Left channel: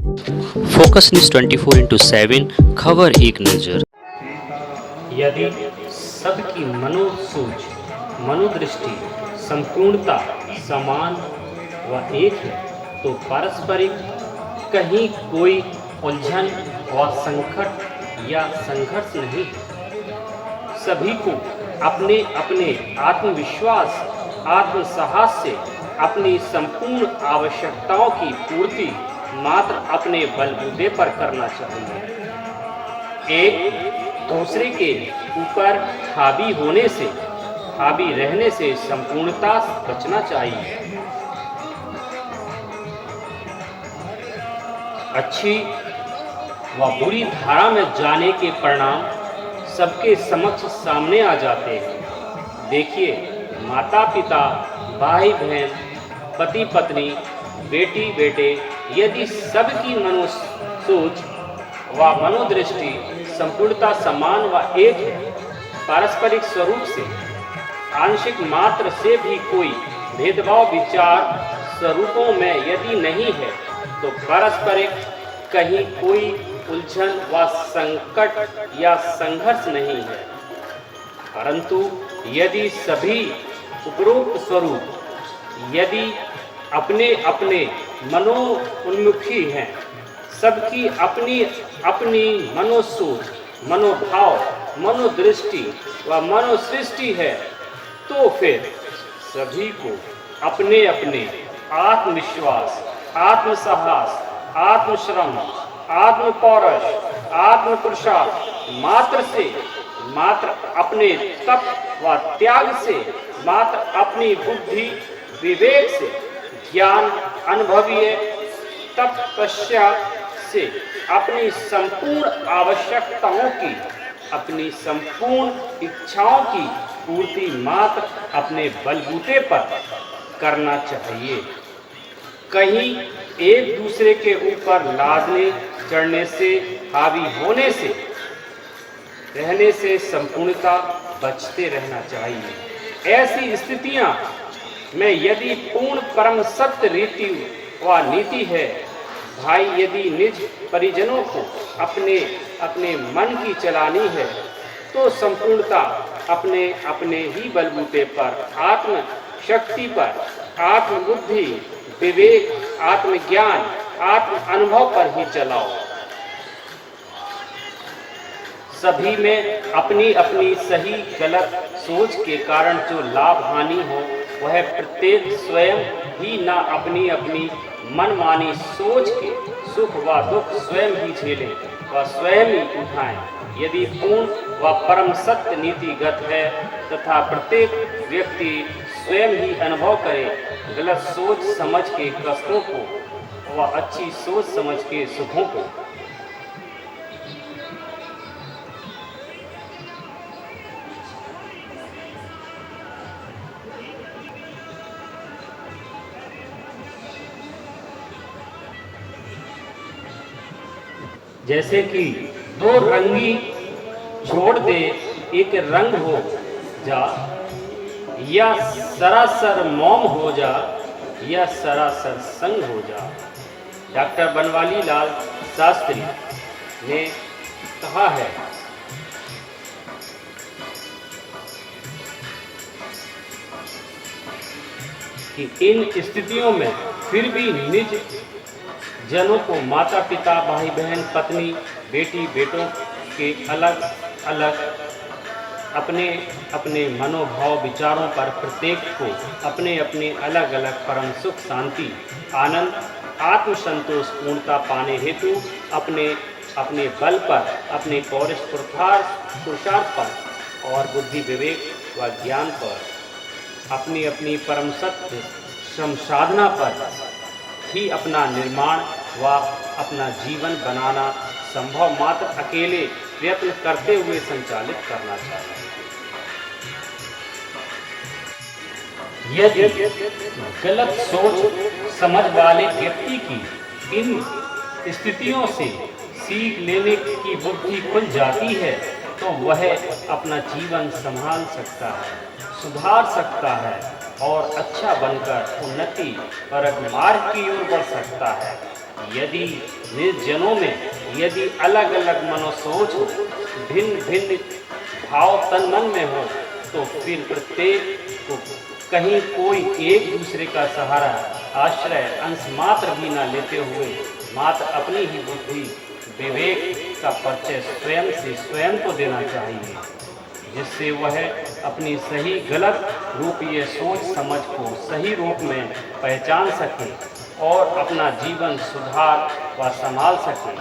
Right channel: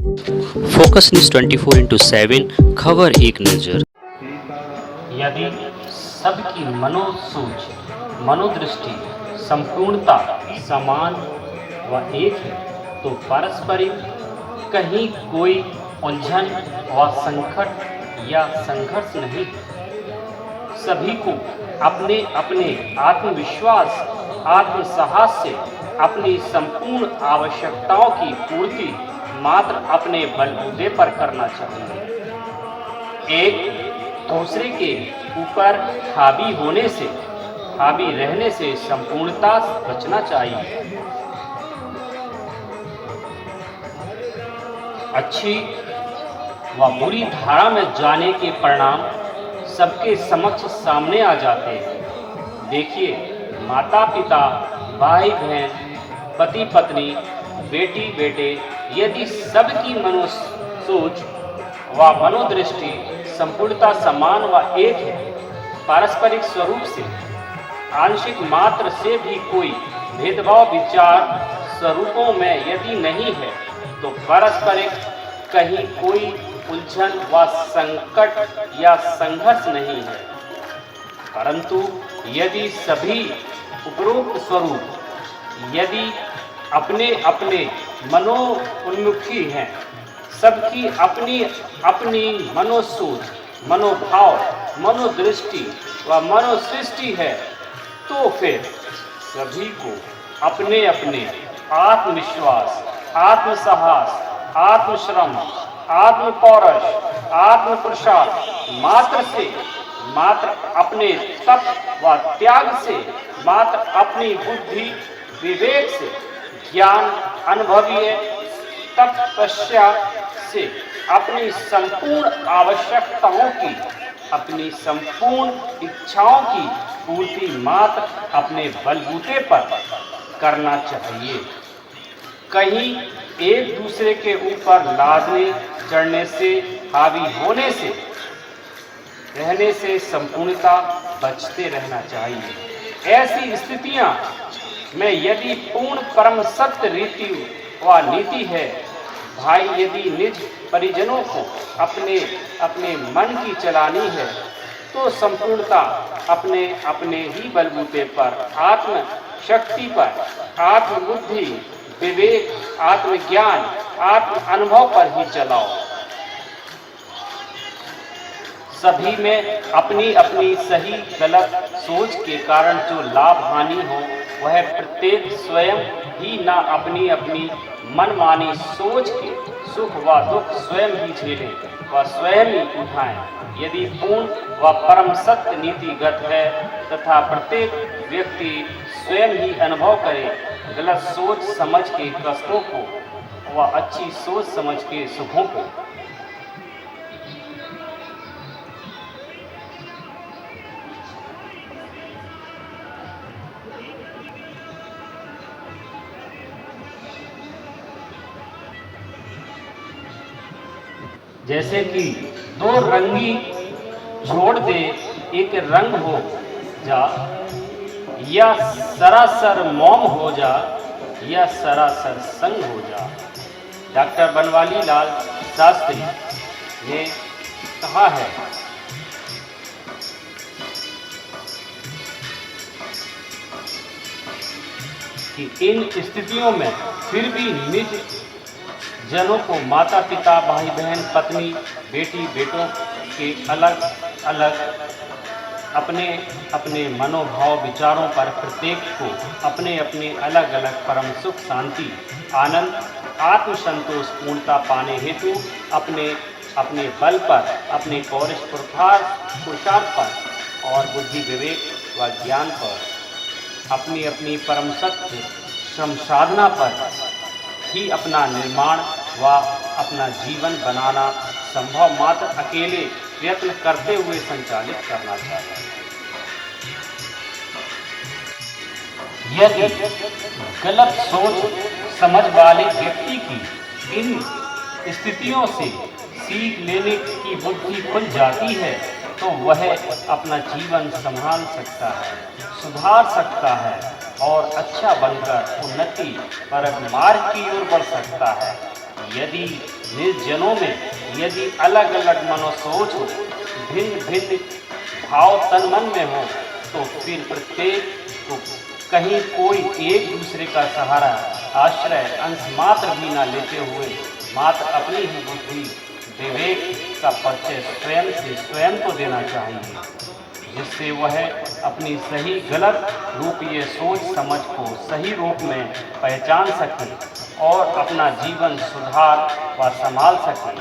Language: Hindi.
फोकस न्यूज 24/7 खबर एक नज़र। यदि सबकी मनोसूझ मनोदृष्टि संपूर्णता समान व एक है तो पारस्परिक कहीं कोई उलझन व संकट या संघर्ष नहीं है। सभी को अपने अपने आत्मविश्वास आत्मसाहस से अपनी संपूर्ण आवश्यकताओं की पूर्ति मात्र अपने बलबूते पर करना चाहिए। एक दूसरे के ऊपर हावी रहने से संपूर्णता बचना चाहिए। अच्छी व बुरी धारा में जाने के परिणाम सबके समक्ष सामने आ जाते हैं। देखिए, माता पिता, भाई बहन, पति पत्नी, बेटी बेटे, यदि सबकी मनोसूझ व मनोदृष्टि संपूर्णता समान व एक है, पारस्परिक स्वरूप से आंशिक मात्र से भी कोई भेदभाव विचार स्वरूपों में यदि नहीं है तो पारस्परिक कहीं कोई उलझन व संकट या संघर्ष नहीं है। परंतु यदि सभी उपरोक्त स्वरूप यदि अपने अपने मनोन्मुखी हैं, सबकी अपनी अपनी मनोसूझ मनोभाव मनोदृष्टि व मनोसृष्टि है, तो फिर सभी को अपने अपने आत्मविश्वास आत्मसाहस आत्मश्रम आत्मपौरुष आत्मपुरुषार्थ मात्र अपने तप व त्याग से मात्र अपनी बुद्धि विवेक से ज्ञान अनुभवीय तपस्या से अपनी संपूर्ण आवश्यकताओं की अपनी संपूर्ण इच्छाओं की पूर्ति मात्र अपने बलबूते पर करना चाहिए। कहीं एक दूसरे के ऊपर लादने चढ़ने से हावी होने से रहने से संपूर्णता बचते रहना चाहिए। ऐसी स्थितियां में यदि पूर्ण परम सत्य रीति व नीति है, भाई यदि निज परिजनों को अपने अपने मन की चलानी है तो संपूर्णता अपने अपने ही बलबूते पर आत्म शक्ति पर आत्मबुद्धि विवेक आत्मज्ञान आत्म अनुभव पर ही चलाओ। सभी में अपनी अपनी सही गलत सोच के कारण जो लाभ हानि हो वह प्रत्येक स्वयं ही ना अपनी अपनी मनमानी सोच के सुख व दुख स्वयं ही झेले व स्वयं ही उठाएं। यदि पूर्ण व परम सत्य नीतिगत है तथा प्रत्येक व्यक्ति स्वयं ही अनुभव करे गलत सोच समझ के कष्टों को व अच्छी सोच समझ के सुखों को। जैसे कि दो रंगी छोड़ दे एक रंग हो जा, या सरासर मौम हो जा या सरासर संग हो जा। डॉक्टर बनवाली लाल शास्त्री ने कहा है कि इन स्थितियों में फिर भी निज जनों को माता पिता भाई बहन पत्नी बेटी बेटों के अलग अलग अपने अपने मनोभाव विचारों पर प्रत्येक को अपने अपने अलग अलग परम सुख शांति आनंद आत्मसंतोष पूर्णता पाने हेतु अपने अपने बल पर अपने पौरुष पुरुषार्थ पर और बुद्धि विवेक व ज्ञान पर अपनी अपनी परम सत्य श्रम साधना पर ही अपना निर्माण व अपना जीवन बनाना संभव मात्र अकेले प्रयत्न करते हुए संचालित करना चाहिए। यदि गलत सोच समझ वाले व्यक्ति की इन स्थितियों से सीख लेने की बुद्धि खुल जाती है तो वह अपना जीवन संभाल सकता है, सुधार सकता है और अच्छा बनकर उन्नति परक मार्ग की ओर बढ़ सकता है। यदि निर्जनों में यदि अलग अलग मनोसोच हो, भिन्न भिन्न भाव तन मन में हो, तो फिर प्रत्येक को कहीं कोई एक दूसरे का सहारा, आश्रय अंश मात्र भी न लेते हुए मात्र अपनी ही बुद्धि विवेक का परिचय स्वयं से स्वयं को देना चाहिए, जिससे वह अपनी सही गलत रूपीय सोच समझ को सही रूप में पहचान सके और अपना जीवन सुधार व संभाल सके।